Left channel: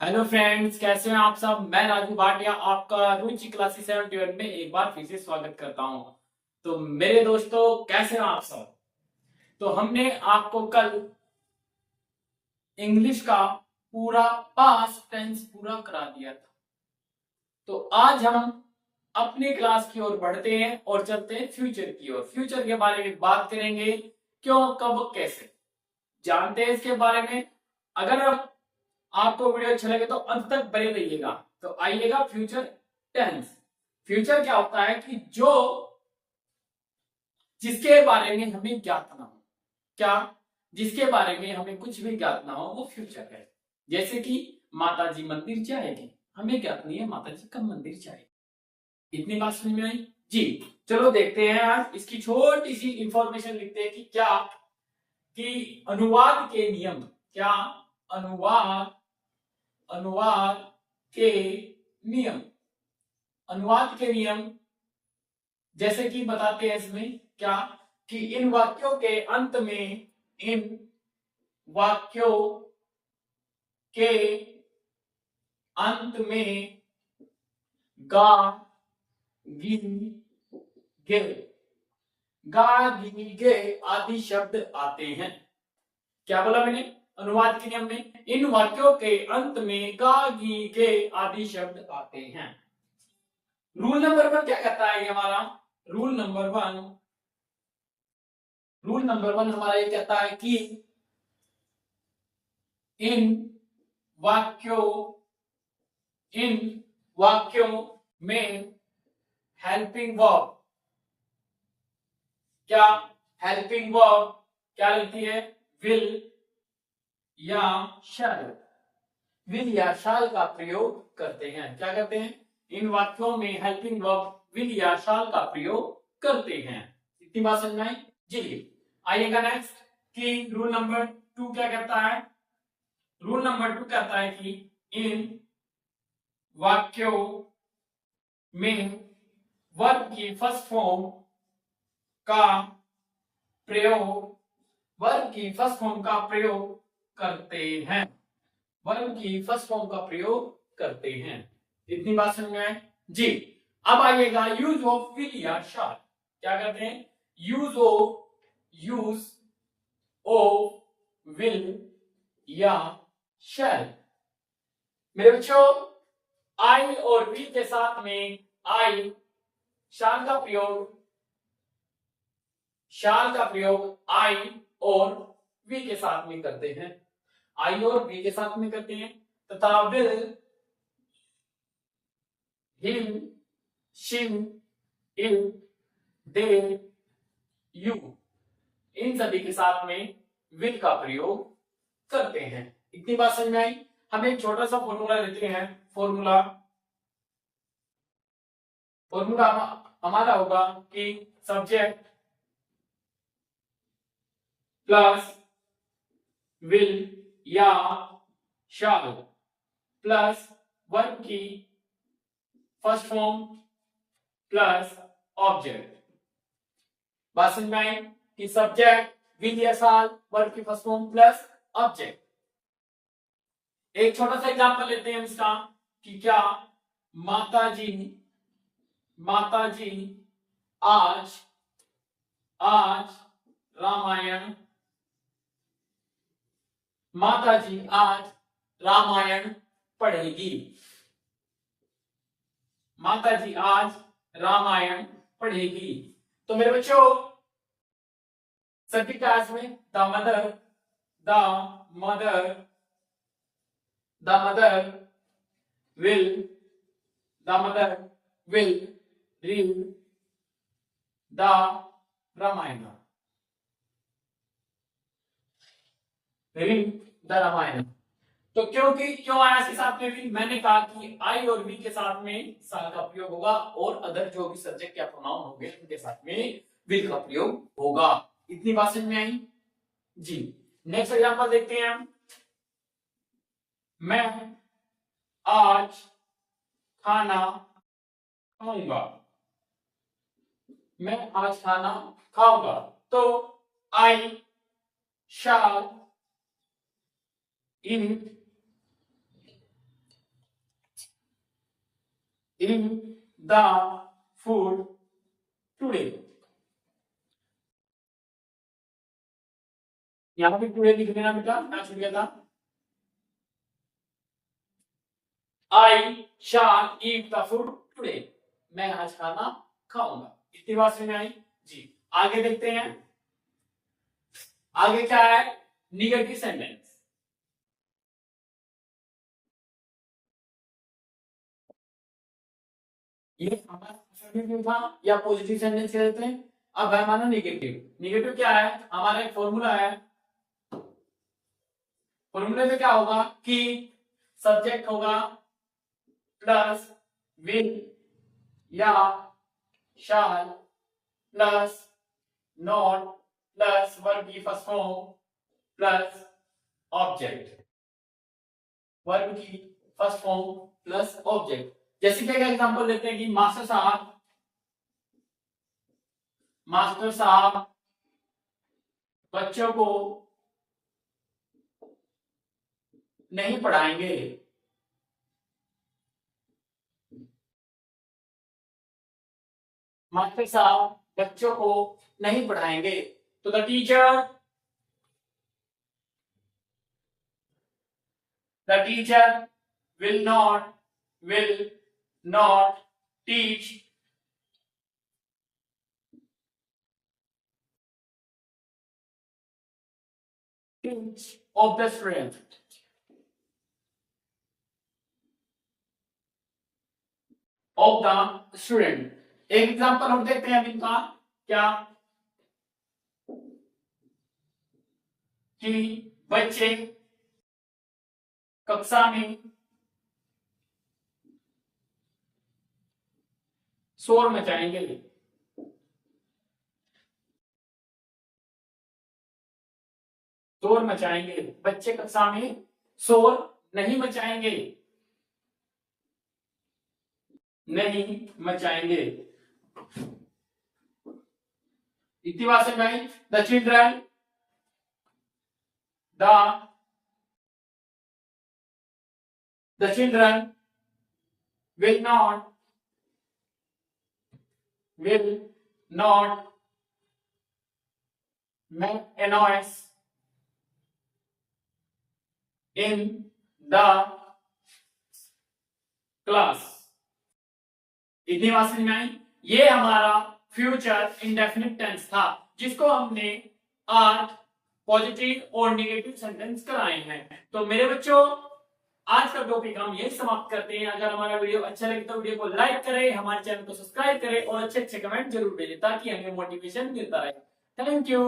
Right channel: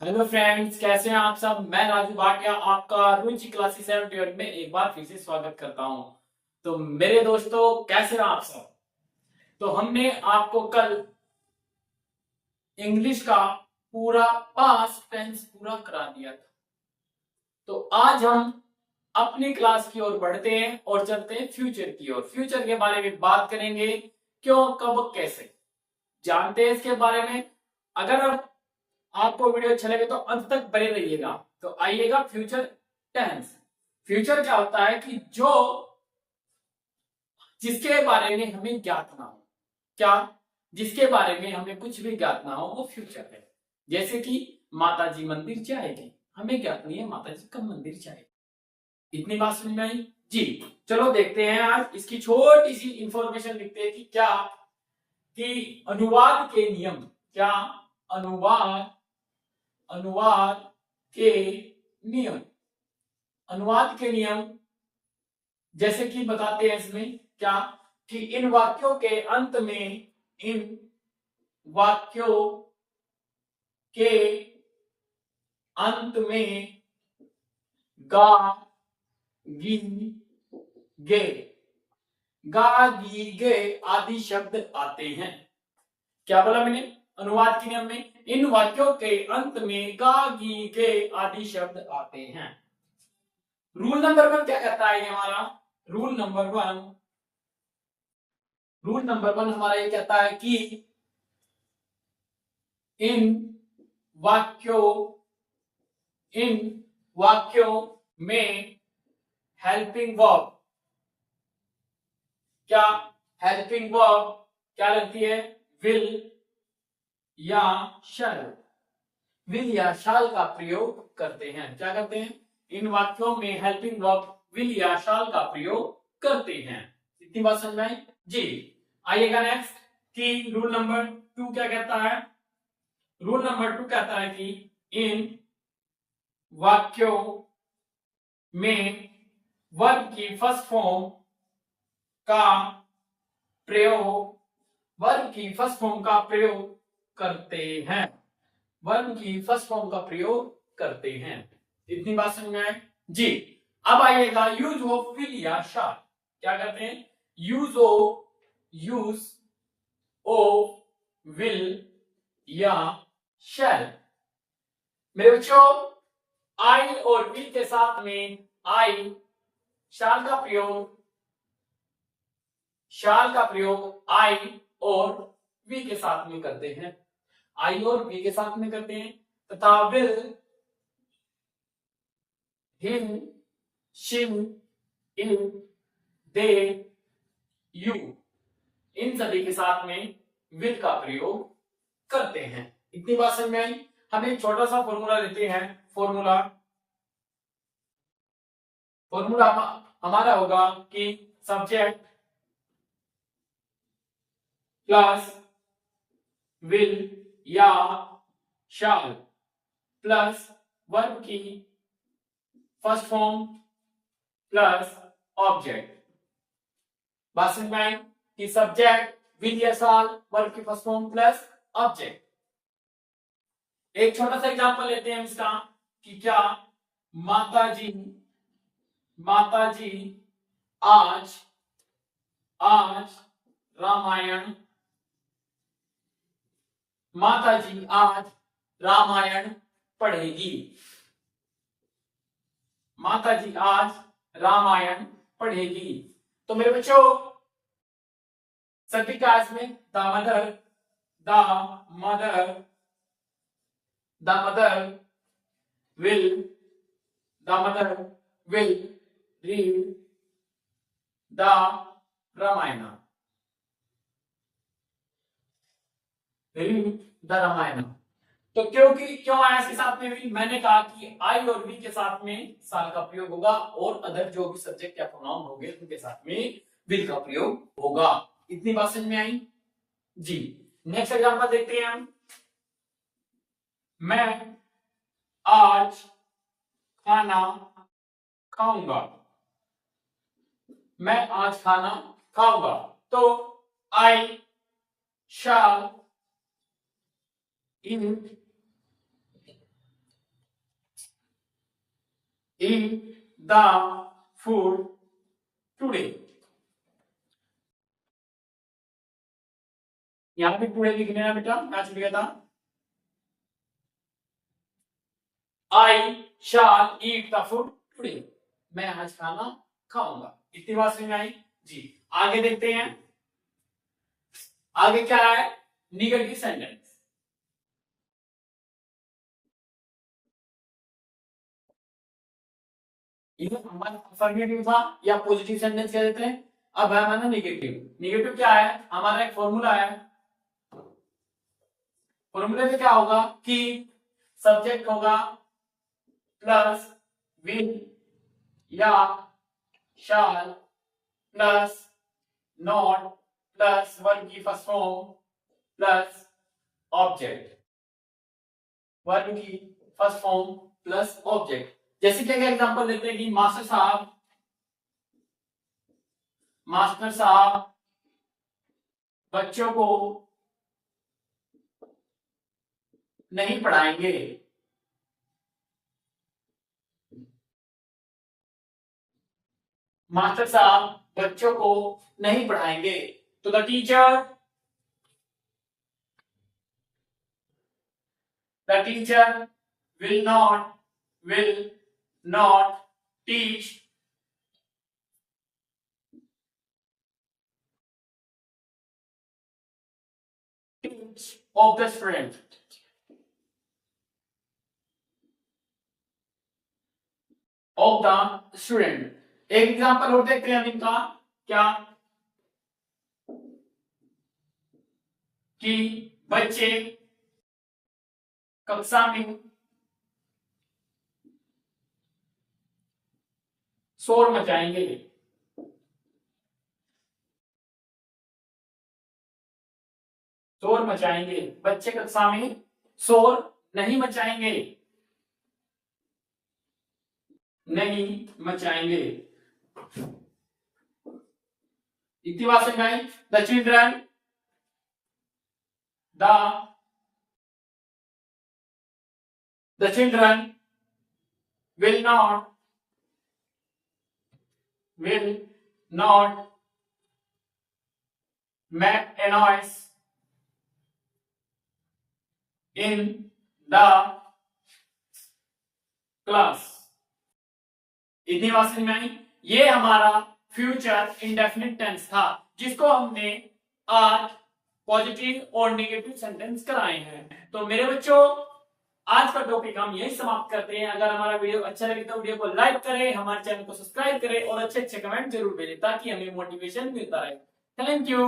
Hello friends, कैसे हैं आप सब। मैं राजू भाटिया आपका रुचि क्लासेस 7 में एक बार फिर से स्वागत करता हूं। तो मेरे दोस्तों, कैसे हैं आप सब। तो हमने आपको कल इंग्लिश का पूरा पास्ट टेंस पूरा करा दिया था। तो आज हम अपनी क्लास की ओर बढ़ते हैं और चलते हैं फ्यूचर की ओर। फ्यूचर के बारे में बात करेंगे, क्यों, कब, कैसे, जानते हैं इसके बारे में। अगर आपको वीडियो अच्छा लगे तो अंत तक बने रहिएगा। तो आइएगा फ्यूचर टेंस। फ्यूचर क्या होता है कि जो जिसके बारे में हमें ज्ञात ना हो, क्या, जिसके बारे में हमें कुछ भी ज्ञात ना हो, वो फ्यूचर है। जैसे कि माता जी मंदिर जाएगी, हमें ज्ञात नहीं है माता जी कब मंदिर जाएगी। इतनी बात समझ में आई जी। चलो देखते हैं, आज इसकी छोटी सी इंफॉर्मेशन लिखते हैं कि क्या, कि अनुवाद के नियम, क्या, अनुवाद, अनुवाद के नियम, अनुवाद के नियम जैसे कि बताते हैं इसमें क्या, कि इन वाक्यों के अंत में, इन वाक्यों के अंत में गा, गी, गे, गा, गी, गे आदि शब्द आते हैं। क्या बोला मैंने, अनुवाद के नियम में इन वाक्यों के अंत में गा, गी, गे आदि शब्द आते हैं। रूल नंबर 1 क्या कहता है ये हमारा, रूल नंबर 1, रूल नंबर 1 हमारा ये कहता है कि इन वाक्यों, इन वाक्यों में हेल्पिंग वर्ब, क्या, हेल्पिंग वर्ब क्या लगती है, विल या शैल, विल या शैल का प्रयोग करते हैं। क्या करते हैं, इन वाक्यों में हेल्पिंग वर्ब विल या शैल का प्रयोग करते हैं। इतनी बात समझ में आई जी। आइएगा नेक्स्ट, कि रूल नंबर 2 क्या कहता है। रूल नंबर 2 कहता है कि इन वाक्यों में वर्ब की फर्स्ट फॉर्म का प्रयोग, वर्ब की फर्स्ट फॉर्म का प्रयोग करते हैं, वर्ब की फर्स्ट फॉर्म का प्रयोग करते हैं। इतनी बात समझ में आए जी। अब आइएगा यूज ऑफ विल या शैल। क्या करते हैं, यूज ऑफ विल या शैल। मेरे बच्चों, आई और विल के साथ में आई, शाल का प्रयोग, शाल का प्रयोग आई और वी के साथ में करते हैं, आई और वी के साथ में करते हैं। तथा will, him, shim, ill, they, you, इन सभी के साथ में विल का प्रयोग करते हैं। इतनी बात समझ में आई। हम एक छोटा सा फॉर्मूला लेते हैं। फॉर्मूला, फॉर्मूला हमारा होगा कि सब्जेक्ट प्लस विल या शैल प्लस वर्ब की फर्स्ट फॉर्म प्लस ऑब्जेक्ट। बात समझ में आई कि सब्जेक्ट विल या शैल वर्ब की फर्स्ट फॉर्म प्लस ऑब्जेक्ट। एक छोटा सा एग्जांपल लेते हैं इसका, कि क्या, माताजी, माताजी आज, आज रामायण, माताजी आज रामायण पढ़ेगी, माताजी आज रामायण पढ़ेगी। तो मेरे बच्चों, सभी क्लास में the mother, the mother, the mother will, the mother will read the Ramayana, read the Ramayana. तो क्योंकि क्यों आया इसके साथ में विल, मैंने कहा कि आई और वी के साथ में साल का प्रयोग होगा और अदर जो भी सब्जेक्ट या प्रोनाउन होंगे उनके साथ में विल का प्रयोग होगा। इतनी बात समझ में आई जी। नेक्स्ट एग्जांपल देखते हैं हम। मैं आज खाना खाऊंगा, मैं आज खाना खाऊंगा। तो आई शैल ईट eat the food today। यहां पे टुडे लिख लेना बेटा, क्या छूट गया था? I shall eat the food today। मैं आज खाना खाऊंगा। इतनी बात समझ में आई जी। आगे देखते हैं, आगे क्या है? Negative sentence. ये हमारा अफर्मेटिव था या पॉजिटिव सेंटेंस कह देते हैं। अब है हमारा निगेटिव। निगेटिव क्या है? हमारा एक फॉर्मूला है। फॉर्मूले में क्या होगा कि सब्जेक्ट होगा प्लस विल या शाल प्लस नॉट प्लस वर्ब की first form plus object. Verb की फर्स्ट फॉर्म प्लस ऑब्जेक्ट। जैसे कि अगर एग्जांपल लेते हैं कि मास्टर साहब बच्चों को नहीं पढ़ाएंगे। मास्टर साहब बच्चों को नहीं पढ़ाएंगे। तो the teacher will not teach of the student। Of the student. एक एग्जांपल और देखते हैं अब इनका क्या, कि बच्चे कक्षा में शोर मचाएंगे। शोर मचाएंगे। बच्चे कक्षा में शोर नहीं मचाएंगे। नहीं मचाएंगे। इतनी बात समझ आई? The children will not make a noise in the class। इतनी बात समझ में आई? ये हमारा फ्यूचर इंडेफिनिट टेंस था, जिसको हमने आज पॉजिटिव और नेगेटिव सेंटेंस कराए हैं। तो मेरे बच्चों, आज का टॉपिक हम यही समाप्त करते हैं। अगर हमारा वीडियो अच्छा लगे तो वीडियो को लाइक करें, हमारे चैनल को सब्सक्राइब करें और अच्छे अच्छे कमेंट जरूर भेजें ताकि हमें मोटिवेशन मिलता रहे। Thank you.